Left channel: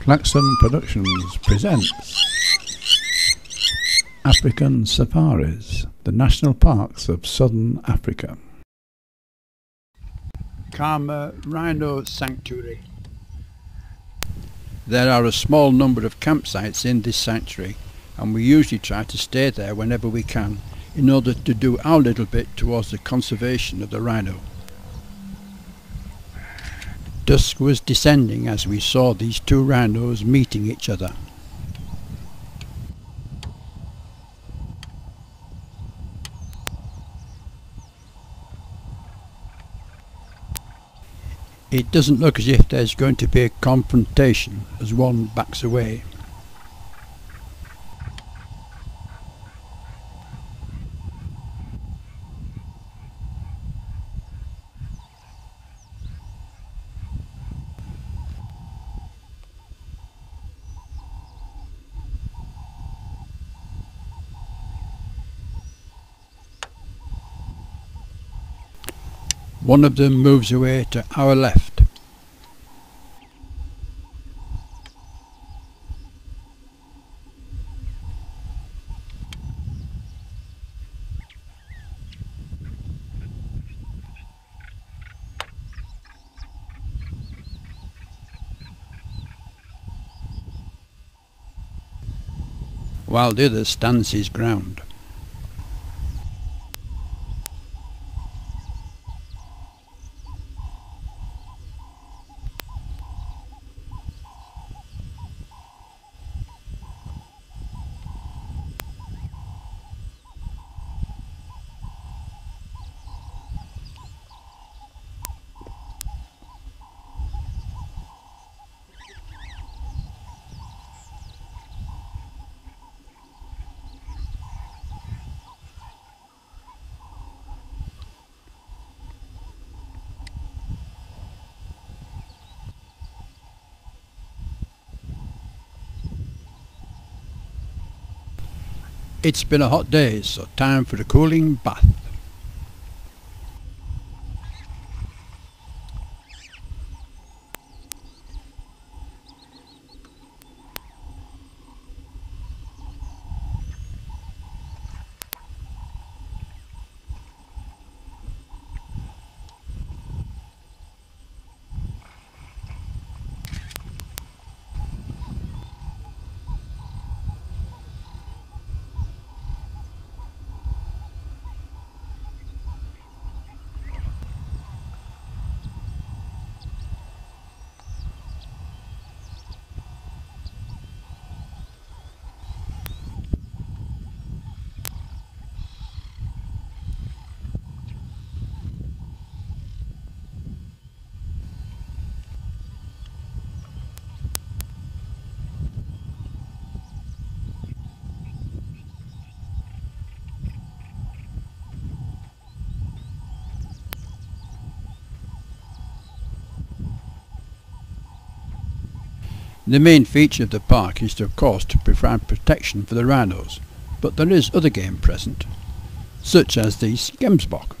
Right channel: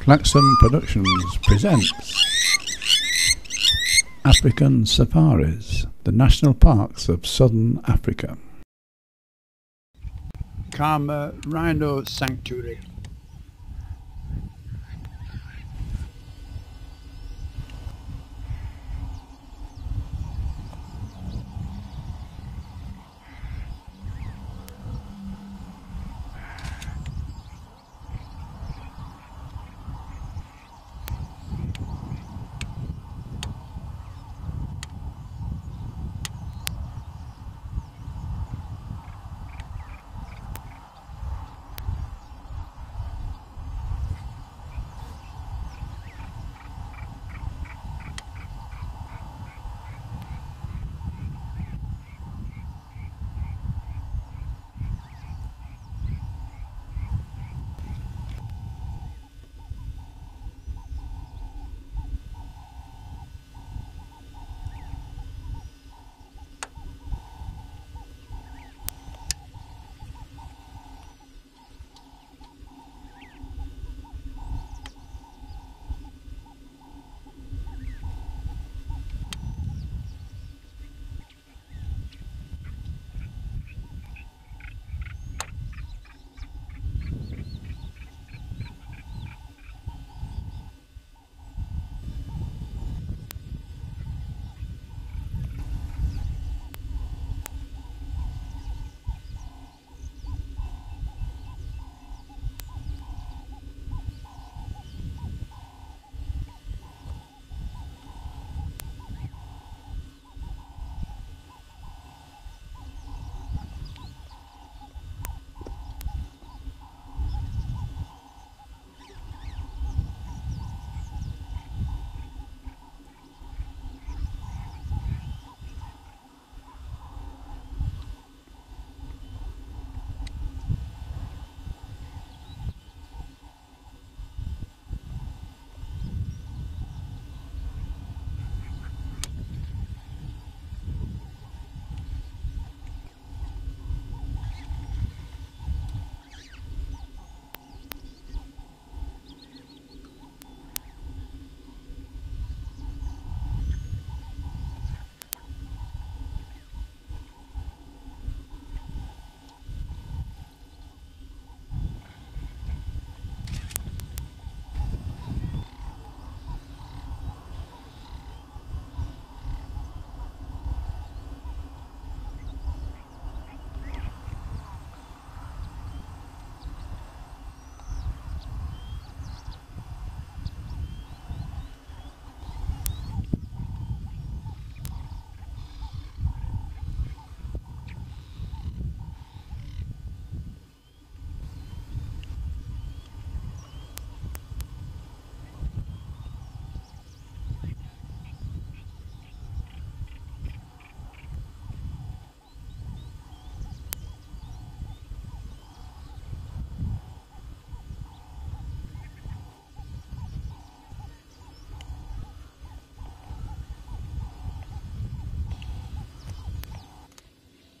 Klaxon Productions presents African Safaris, the national parks of southern Africa. Khama Rhino Sanctuary. There are a small number of campsites in this sanctuary, and we usually try to stay there whenever we can in order to do our little bit towards the conservation of the rhino. Dusk was descending as we saw these two rhinos meeting each other. It doesn't look as if there's going to be a confrontation as one backs away. One of them moves away to our left. While the other stands his ground. It's been a hot day, so time for a cooling bath. The main feature of the park is of course to provide protection for the rhinos, but there is other game present, such as the gemsbok.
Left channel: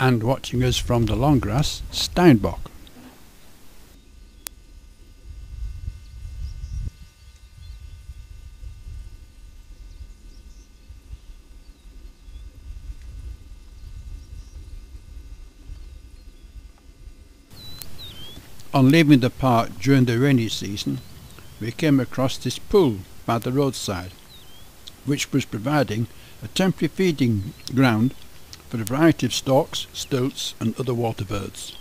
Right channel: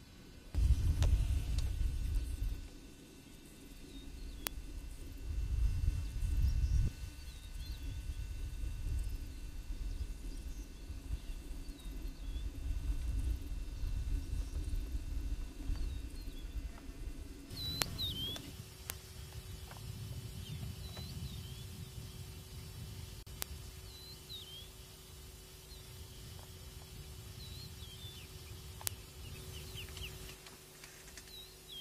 And watching us from the long grass, steinbok. On leaving the park during the rainy season, we came across this pool by the roadside, which was providing a temporary feeding ground for a variety of storks, stoats and other water birds.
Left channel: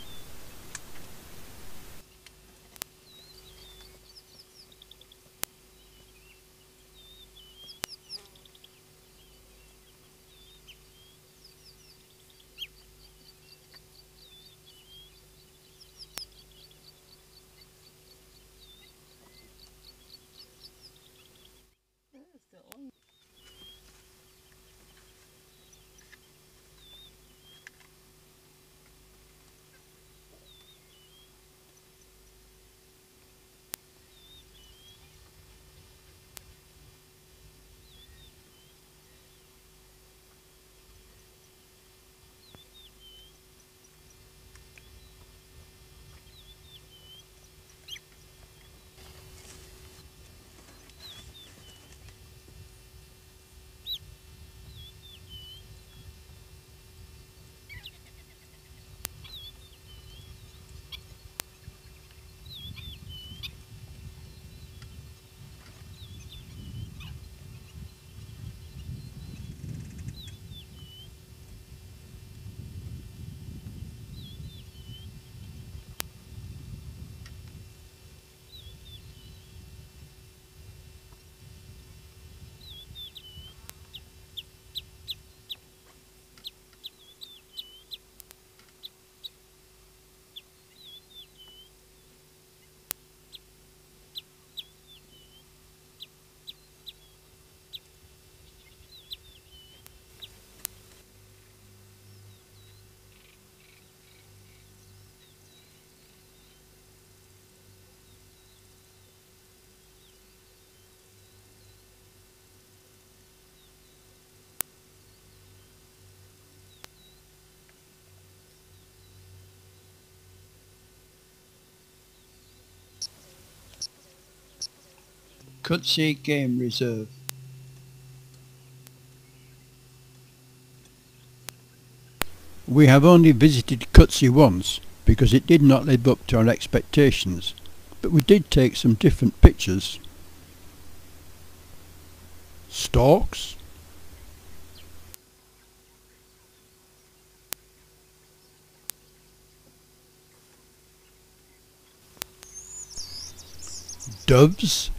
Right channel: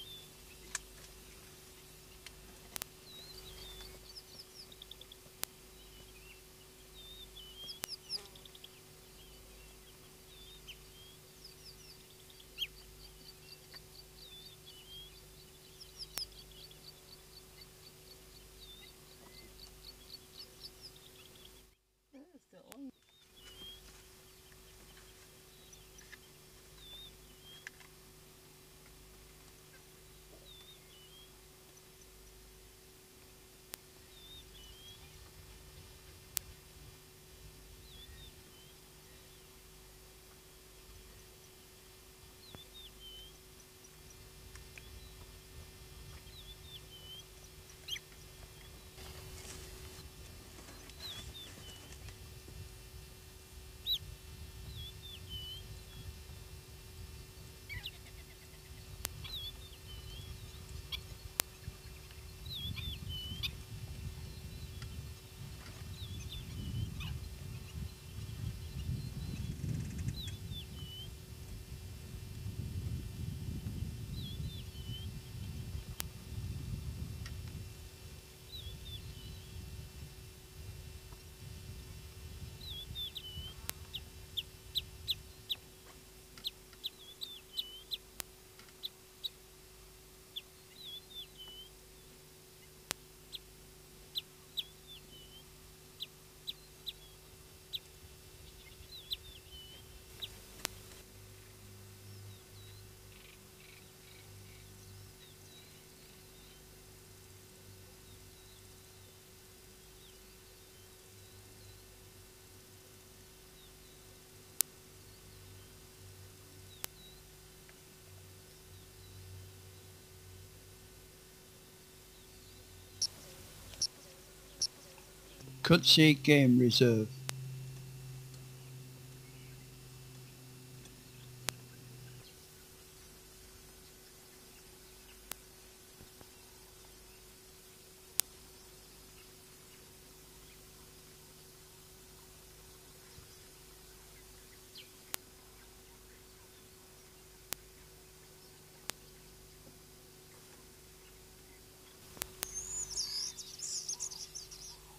Kutse Game Reserve. We have only visited Kutse once because it did not live up to our expectations, but we did take some different pictures. Storks, doves,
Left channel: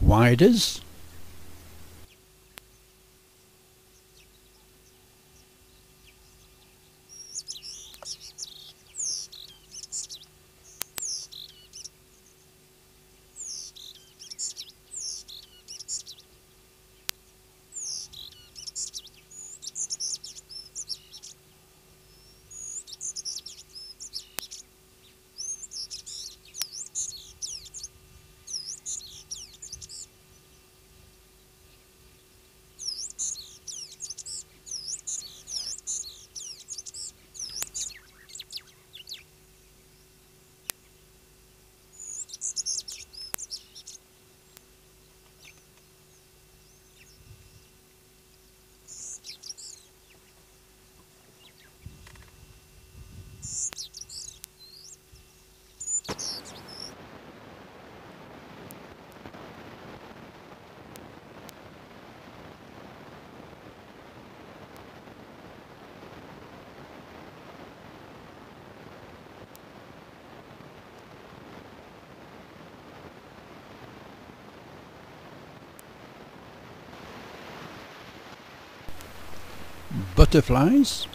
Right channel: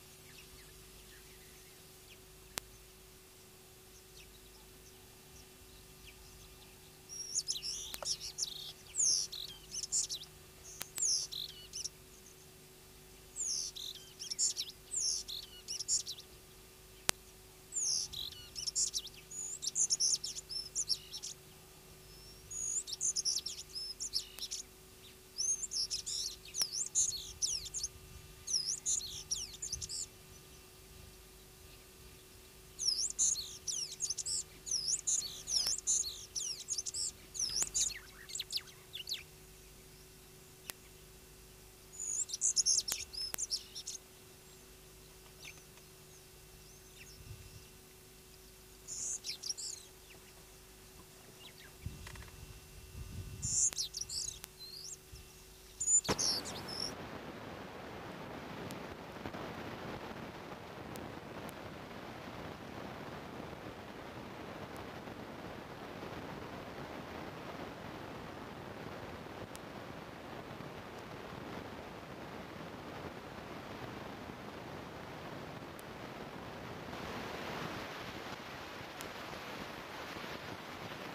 widers, butterflies,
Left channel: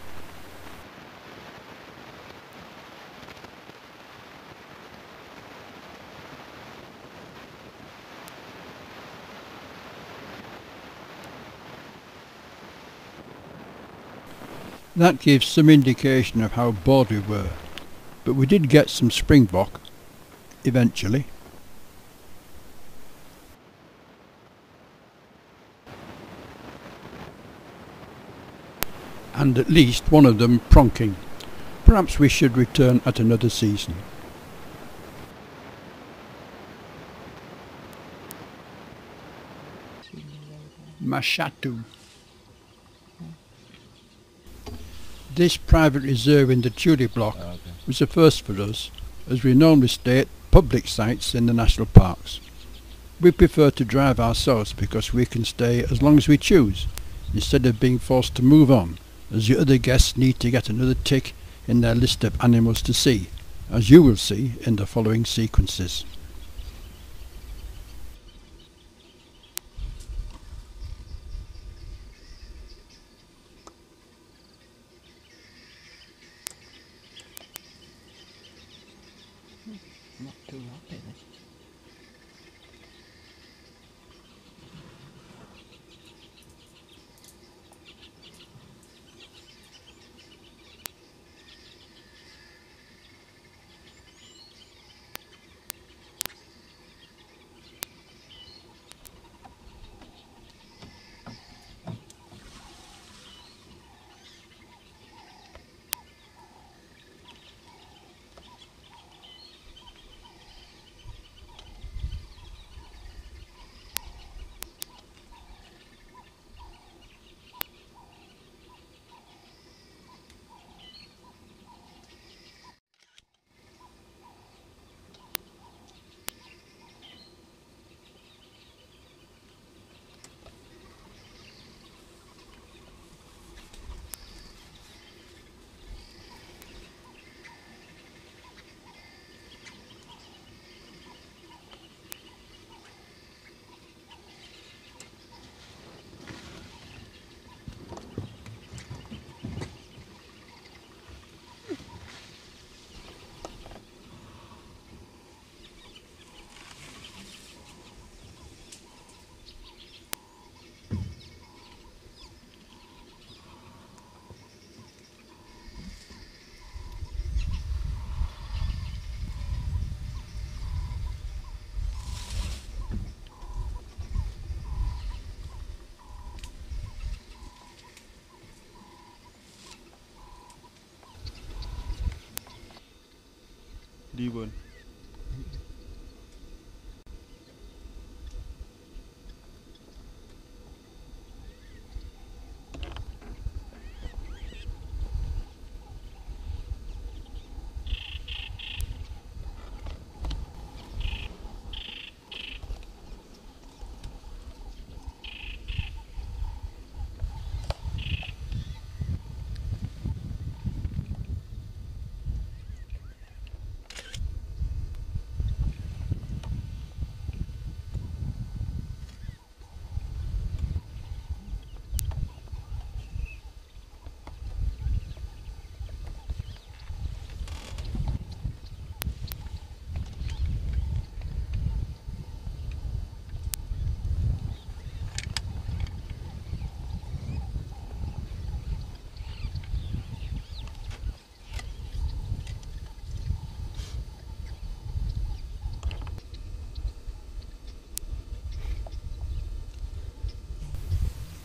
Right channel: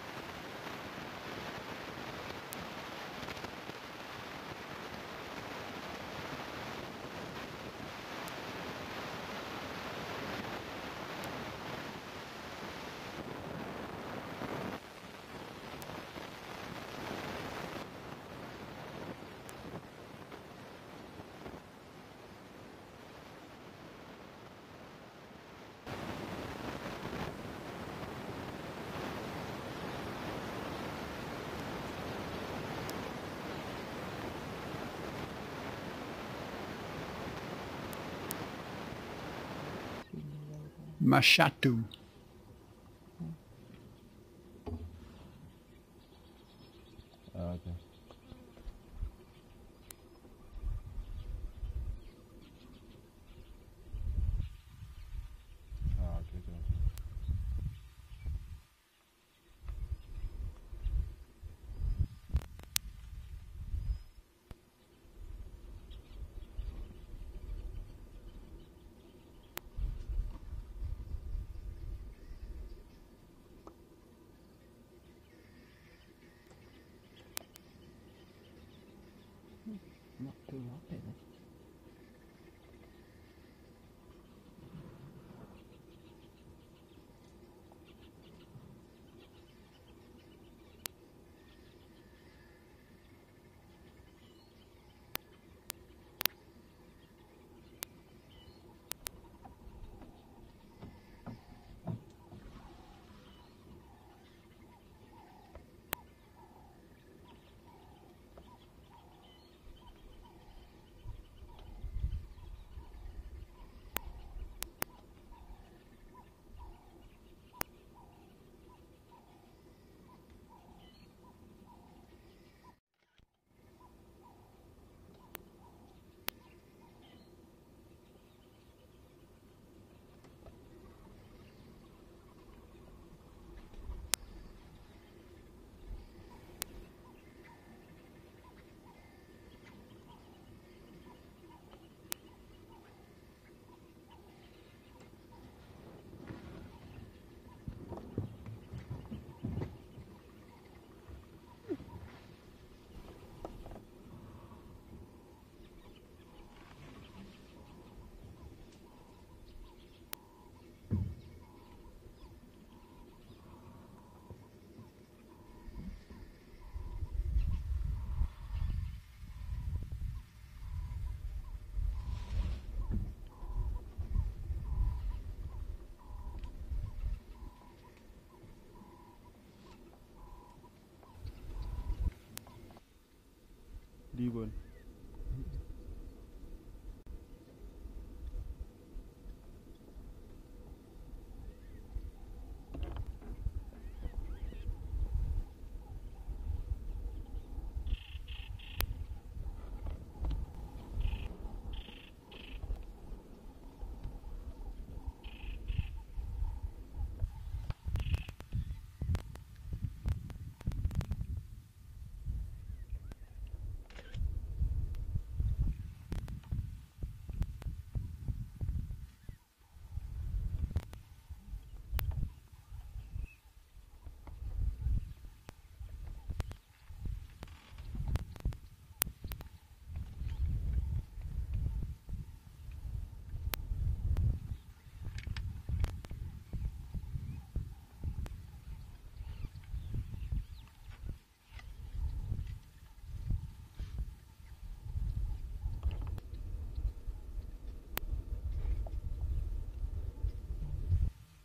that gives some indication of how bored we were, but we did get some springbok eventually. And at least one of them pronking. Perhaps we should return at another season. Mashatu. This private reserve in the Tule block was a first for us, as we normally stay at public sites in the national parks. We prefer to drive ourselves because we can stay as long as we choose, instead of being forced to move on, as the other guests need to get another tick in their list of animals to see, as you will see in the following sequences.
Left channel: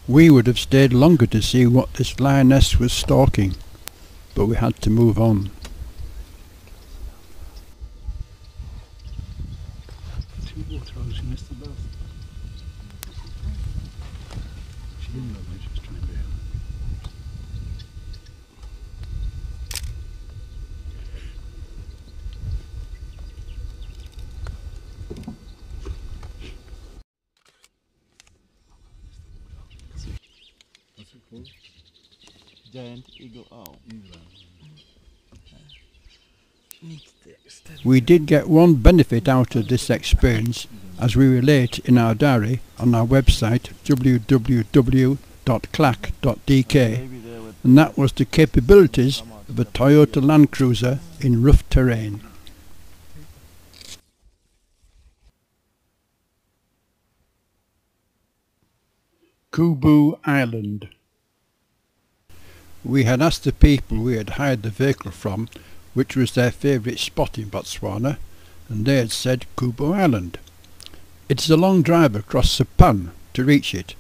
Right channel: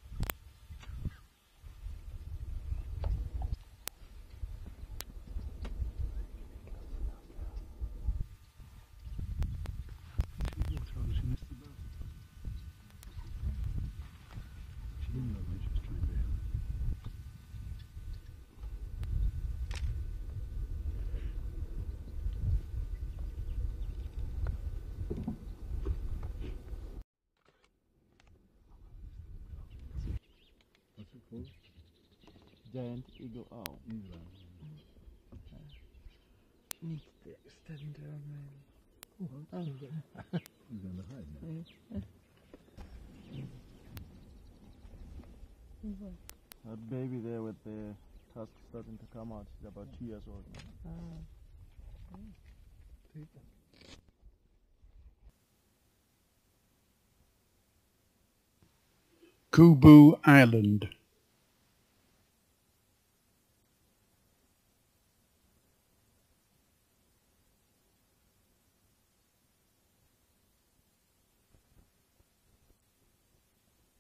We would have stayed longer to see what this lioness was stalking, but we had to move on. Giant eagle owl. We did get one benefit out of this experience, as we relate in our diary on our website www.clack.dk, and that was the capabilities of a Toyota Land Cruiser in rough terrain. Kubu Island. We had asked the people we had hired the vehicle from which was their favourite spot in Botswana, and they had said Kubu Island. It is a long drive across the pan to reach it,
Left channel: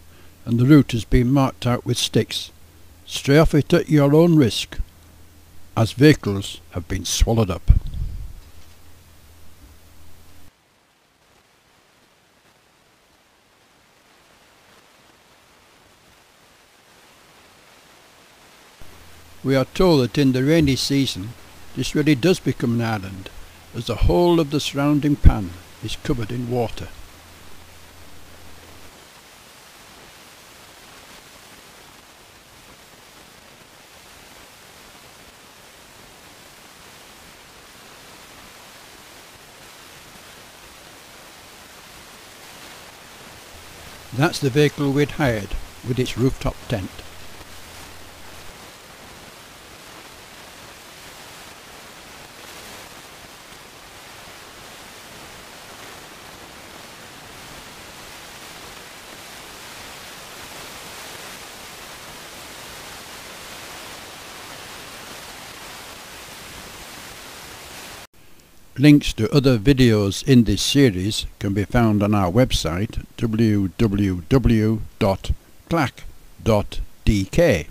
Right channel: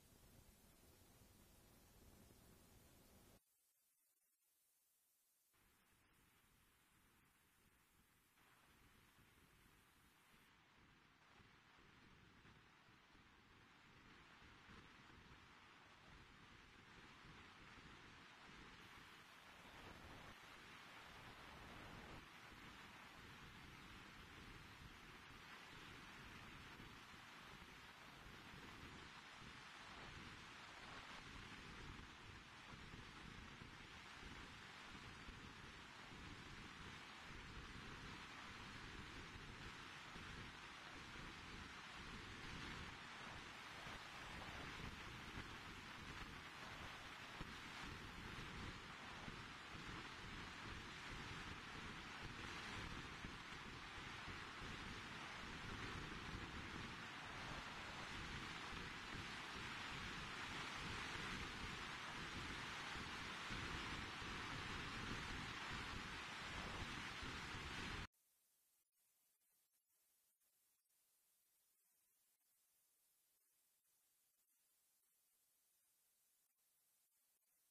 and the route has been marked out with sticks. Stray off it at your own risk, as vehicles have been swallowed up. We are told that in the rainy season this really does become an island, as the whole of the surrounding pan is covered in water. That's the vehicle we'd hired, with its rooftop tent. Links to other videos in this series can be found on our website www.clack.dk.